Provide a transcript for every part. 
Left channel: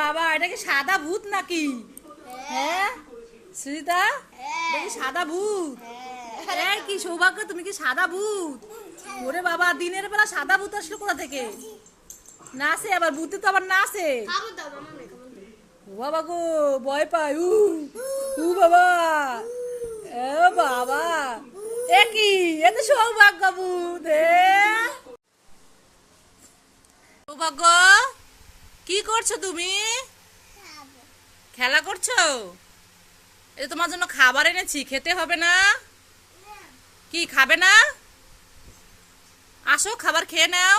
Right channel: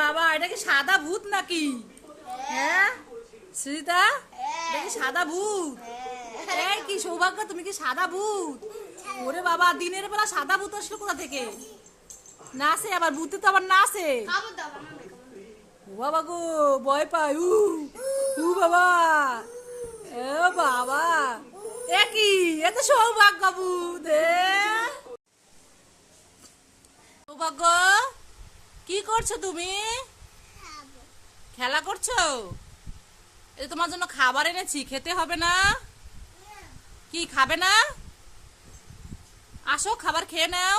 বাবা এটা কি সাদা ভূত নাকি? হ্যাঁ? সুজিতা এটা কি সাদা ভূত? এই কি সৌভাগ্য তুমি কি সাদা ভূত? ওরে বাবা দিনের বেলা সাদা ভূত আসলো কোথা থেকে? নাচে আবার ভূতে তো আবার নাচে। ও বাবা গো ভয় পাই উ উ বাবা। এ বাবা এ কি? এ তো সৌভাগ্য ভূত সৌভাগ্য? কি করছ তুমি? খেলা করছ? এটা তোমার জন্য খাবার এনেছি, খেতে হবে না? কি, খাবে না? আসো, খাবার খেয়ে নাও।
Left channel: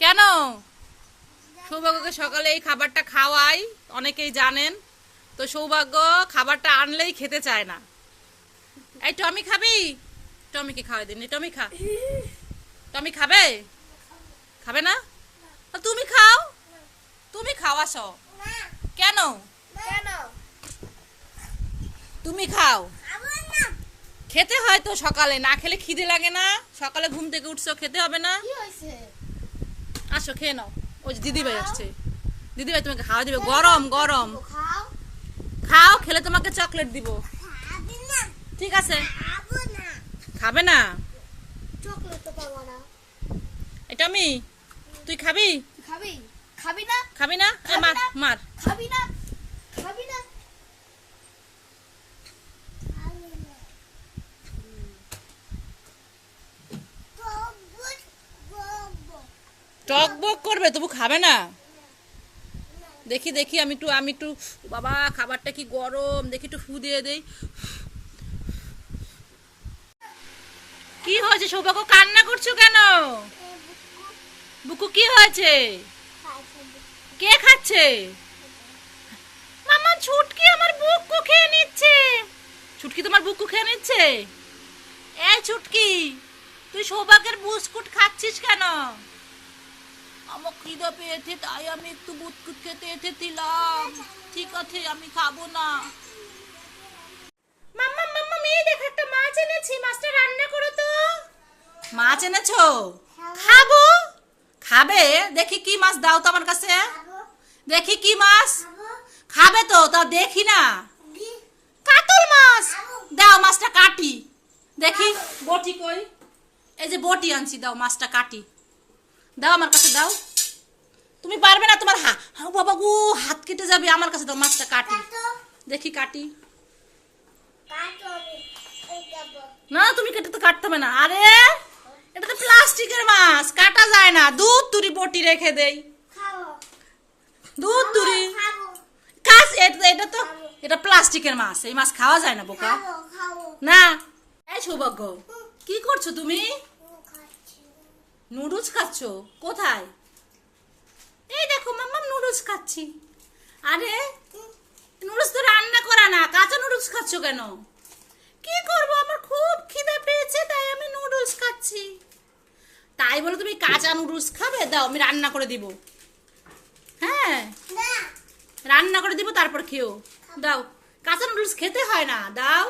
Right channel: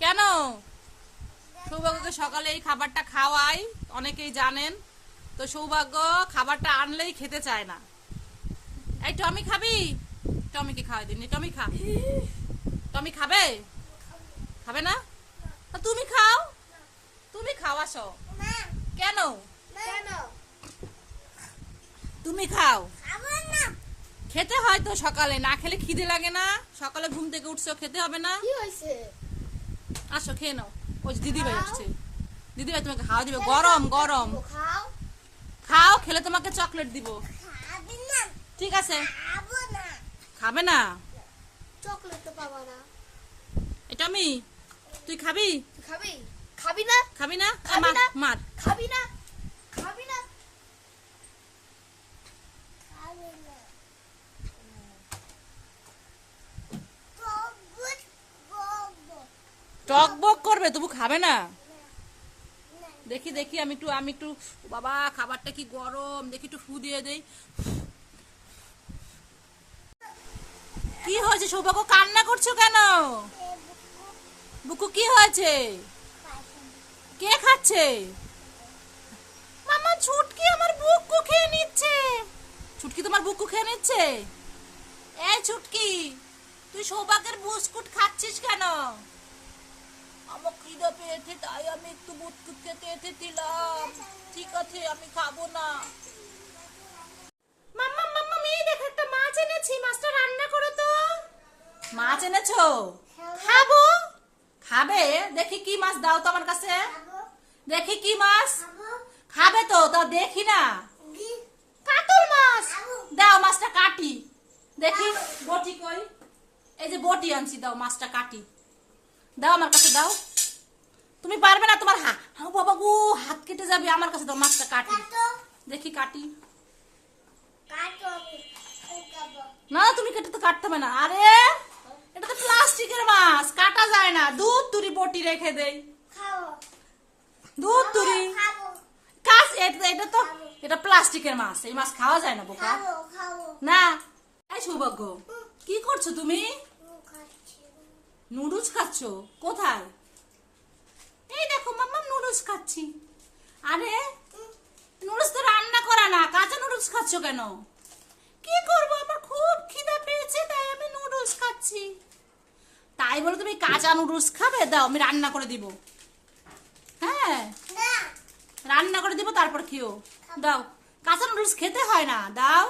কেন? সৌভাগ্যকে সকালে এই খাবারটা খাওয়াই, অনেকেই জানেন। তো সৌভাগ্য খাবারটা আনলেই খেতে চায় না। এই টমি খাবি? টমিকে খাওয়াই দিন টমি খা। টমি খাবে? খাবে না? তুমি খাও? তুমি খাও আসো। কেন? কেন? তুমি খাও। খেতে হয় তো সকালে না খেলে খিদে লাগে না। সকালে ঘুম থেকে উঠছো খেতে হবে না। আসো খেয়ে নাও। ওই যে দিদিভাই আসছে। দিদিভাই তোমাকে খাওয়া দিবে। গরম গরম। খাও। খাও খেলে তোমাকে চকলেট দিব। ঠিক আছে। খাবে না। এটা আমি? তুই খাবি? খাবি। খাবি না? খাবি না? মার মার। খাবি না? খাবি না? টক বক করবে তবু খাবে না? দেখি দেখি আমি একটু আমি একটু বাবা খাবারটা কি গরম? দেখি একটু ফু দিয়ে দেই। কি হয়েছে সৌভাগ্য? কান্না করছ কেন? বুকু কি হয়েছে? কে খাচ্ছে? মামা ছুটকি আমার বুকু খেয়ে নিচ্ছে। ছুটকি তোমার বুকু খেয়ে নিচ্ছে? এই ছুটকি তুই সৌভাগ্যের বিস্কুট খাচ্ছিস কেন? আমার খিদে পেয়েছে তাই আমি একটু বিস্কুট খেতে এসেছিলাম। ঠিক আছে আমি খাব না। মাম্মা মাম্মা মেয়ে দেখ একটা মাছ এনেছি। মাছটা রান্না করো তো। মাছ এনেছো? খাব। খাবে? দেখি কি মাছ দাও তো আমার কাছে। দেখি কি মাছ। খাবে। তো তা দেখি না। কাতল মাছ। দাও মাছটা কাটি। দেখি বটি কই? এই যে বটি আনছি দাও মাছটা কাটি। দাও আমার কাছে দাও। তুমি পারবে না তোমার হা বাবা গো হাত কেটে যাবে আমার কাছে দাও মাছটা কাটি। দেখি কাটি। না তুমি কেটে তো কাটতে হবে না। আরে! প্লাস্টিকের মাছ কাটা যায় না। দুধ তুরি বটি রেখে দেই। দুধ তুরি। কাজ এটা এটা তো এটা প্লাস্টিকের মাছ এই মাছ খাওয়া যায় না বোকা। না। এই সৌভাগ্য কি করছ তুমি? নুডলস খাচ্ছ? কোথায়? এই দেখো মাম্মা নুডলস খাচ্ছি। আরে নুডলস তো রান্না করা না কাঁচা নুডলস খাচ্ছ কেন? কি করব? আমার খুব খিদে পেয়েছে তাই আমি নুডলস খাচ্ছি। তাই বলে তুমি কাঁচা নুডলস খাবে? দাও আমি রান্না করে দিব। হ্যাঁ? রান্না করে দিব তারপর খেও। দাও। কাঁচা নুডলস খেতে হয় না দাও।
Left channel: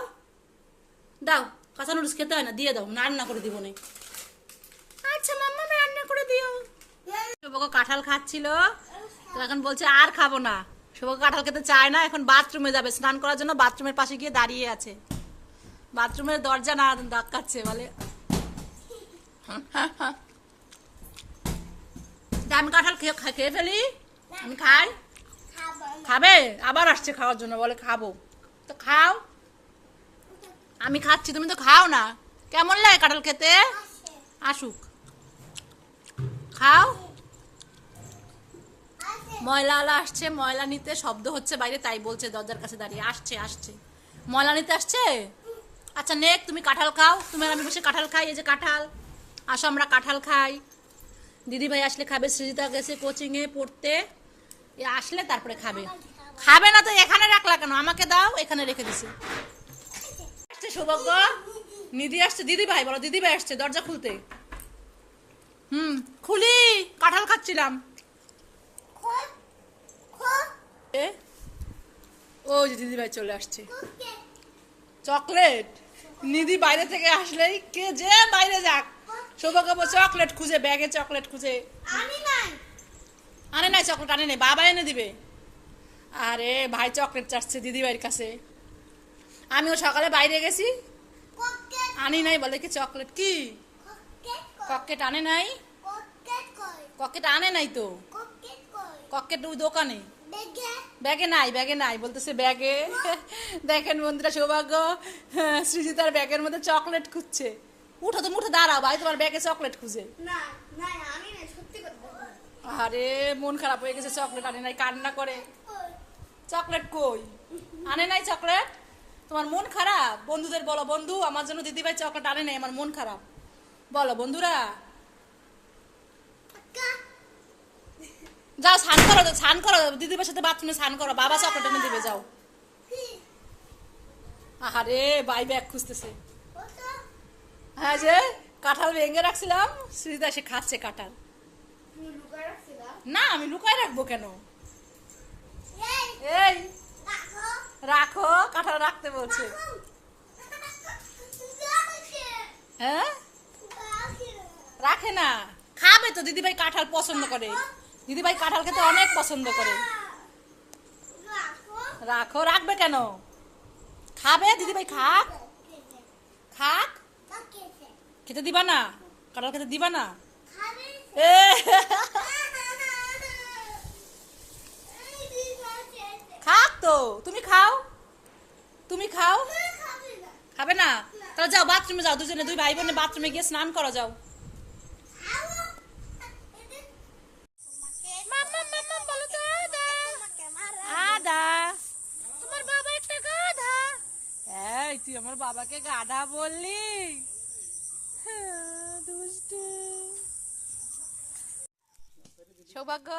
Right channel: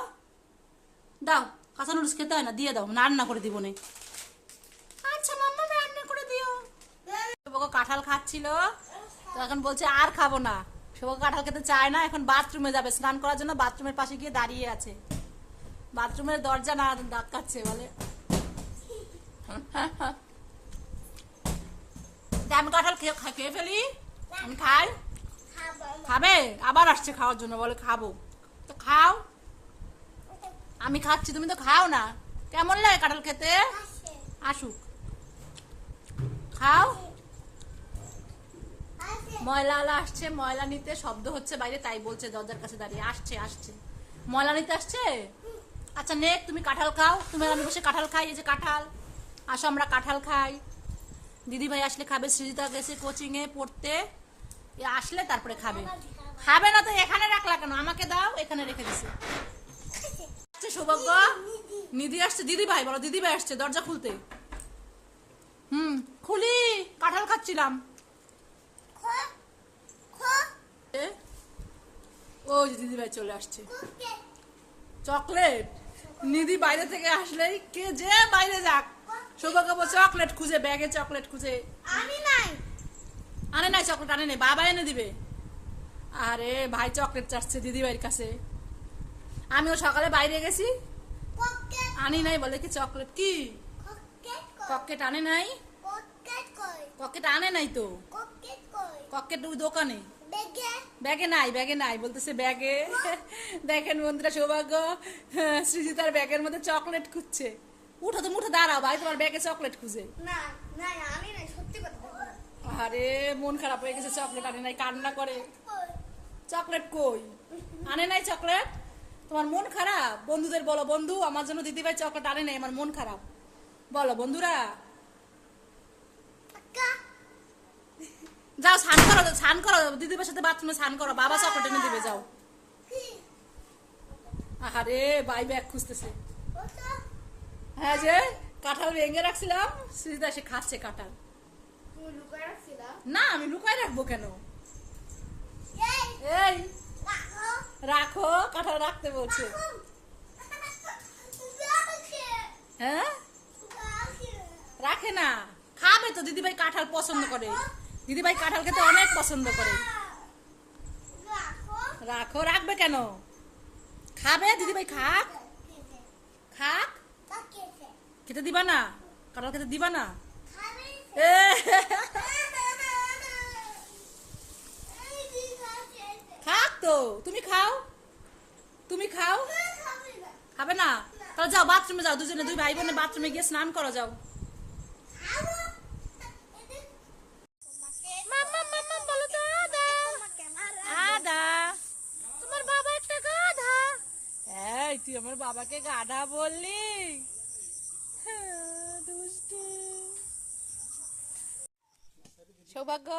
দাও কাঁচা নুডলস খেতে হয় না দিয়ে দাও রান্না করে দিব নে। আচ্ছা মাম্মা রান্না করে দিও। শুভকে কাঁঠাল খাচ্ছিল তো এখন বলছে আর খাব না। শুভকে কাঁঠাল খেতে চায় না এখন বাথরুমে যাবে। স্নান করার জন্য বাথরুমের পাশে গিয়ে দাঁড়িয়ে আছে। বাথরুমের দরজা না ধাক্কাচ্ছে বলে। আমি কাঁঠাল খেয়ে খেয়ে ফেলি? আমি খাই। খাবে? আবার আসছে খাওয়ার জন্য, বলে খাব। তো খাও। আমি খাচ্ছি, তুমি তো খাও না। কেমন লাগে কাঁঠাল খেতে? আসুক। খাও। ময়লাওয়ালা আসছে, ময়লা নিতে শব্দ হচ্ছে বাইরে, তাই বলছে দরজার কাছে দাঁড়িয়ে। আসছে আসছে। ময়লা নিতে আসছে? আচ্ছা নেক, তুমি কাঁঠাল খাও। তুমি আমি বসে কাঁঠাল খাই, এই যে কাঁঠাল। আসো, আমরা কাঁঠাল খাই। দিদি ভাই আসলে খাবে, সৃজিতা গেছে কোচিংয়ে পড়তে। আসলে তারপরে খাবে। খাবে না তো, এখানে রাখলা কেন? আমাকে দাও, এখানে রেখে দিছি। আসছে সৌভাগ্য। নিধি আসছে দিদি ভাই বলো দিদি ভাই আসছে দরজা খুলতে। হুম, খুলি, কাঁঠাল খাচ্ছিলাম। ওই যে দিদি ভাই চলে আসছে। চকলেট। নিধি বাইরে থেকে আসলেই কে যে বাইরে যাক। সৌভাগ্য চকলেট খুঁজে ব্যাগে চকলেট খুঁজে। আনে নাই। চকলেট আনে নাই। বাবা এনে দিবে। আরে ভাই চকলেট চাচ্ছে দিদি ভাইয়ের কাছে। আমিও সকালে বাইরে গেছি। আনি নাই বলে কি চকলেট কি? ককেট আনে নাই? ককেট আনে নাই তো? ককেট ওই দোকানে। ব্যাগে? নাই ব্যাগে নাই বলতেছে ব্যাগে। দেখেন বন্ধুরা সৌভাগ্য হ্যাঁ, সৃজিতার ব্যাগের মধ্যে চকলেট খুঁজছে। উঠো তুমি উঠে দাঁড়াও ভাই তোমার ব্যাগে চকলেট খুঁজে। আরে মন খারাপ হয়ে গেছে চকলেট আনে নাই কান্না করে। চকলেট কই? আনে নাই চকলেট তোমার মন খারাপ? বন্ধুদের বলো বন্ধু আমার জন্য দিদিভাই চকলেট আনে নাই আমার মন খারাপ। বলো বন্ধুরা। যাও স্নান করো স্নান করো দিদিভাইয়ের সাথে বাথরুমে স্নান করো বাবা চকলেট এনে দিবে যাও। আরে ভাই ব্যাগ খুঁজতেছে। হ্যাঁ যে কাঁঠাল ভেঙে রাখছিলাম সুজিতা সে খাচ্ছে কাঁঠাল। না আমি লুকায় রাখব কেন? এই রাখো। কাঁঠাল রাখতে বলছে। হ্যাঁ? রাখে না। খাবে তো দিদিভাই কাঁঠাল পছন্দ করে। দিদিভাই কাঁঠাল খেতে অনেক পছন্দ করে। রাখো। রাখবে কেন? খাবে দিদিভাই খাক। খাক। খেতে দিবা না? কাঁঠাল খেতে দিবা না? খাক তো তুমি খাও। তুমি খাও। খাবে না। তাহলে যাও বাথরুমে যাও দুজনে দুই ভাই বোনে বাথরুমে গিয়ে স্নান করো যাও। আদা। আদা। তোমার বাবা একটা গাধা। এই তুই আমার বাবাকে গাধা বললি হ্যাঁ, দুষ্টু। সৌভাগ্য।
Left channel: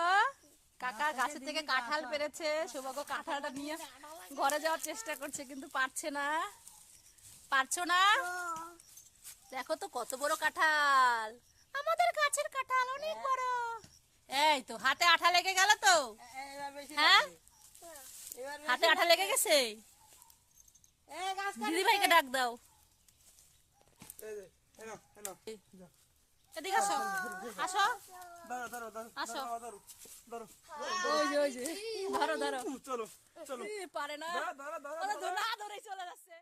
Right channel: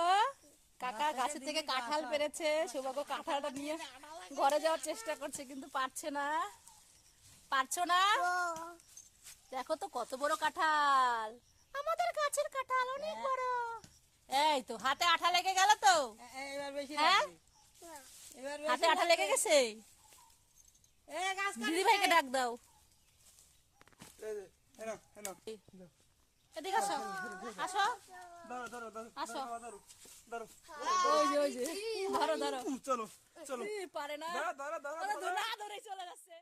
কাকা গাছের থেকে কাঁঠাল। পেরেছে। সৌভাগ্য কাঁঠালটা নিয়ে ঘরে যাওয়ার চেষ্টা করছে কিন্তু পারছে না। পারছ না? দেখো তো কত বড় কাঁঠাল। আমাদের গাছের কাঁঠাল অনেক বড়। এই তো হাতে আঠা লেগে গেল তো। হ্যাঁ? হাতে আঠা লেগে গেছে? দিদি ভাইকে ডাক দাও। এদিকে আসো। আসো। আসো। ধরো ধরো। চলো চলো। পারে না। ধরো, ধরো, ধরো, ওরা ধরে- না ধরে চলে যাচ্ছে।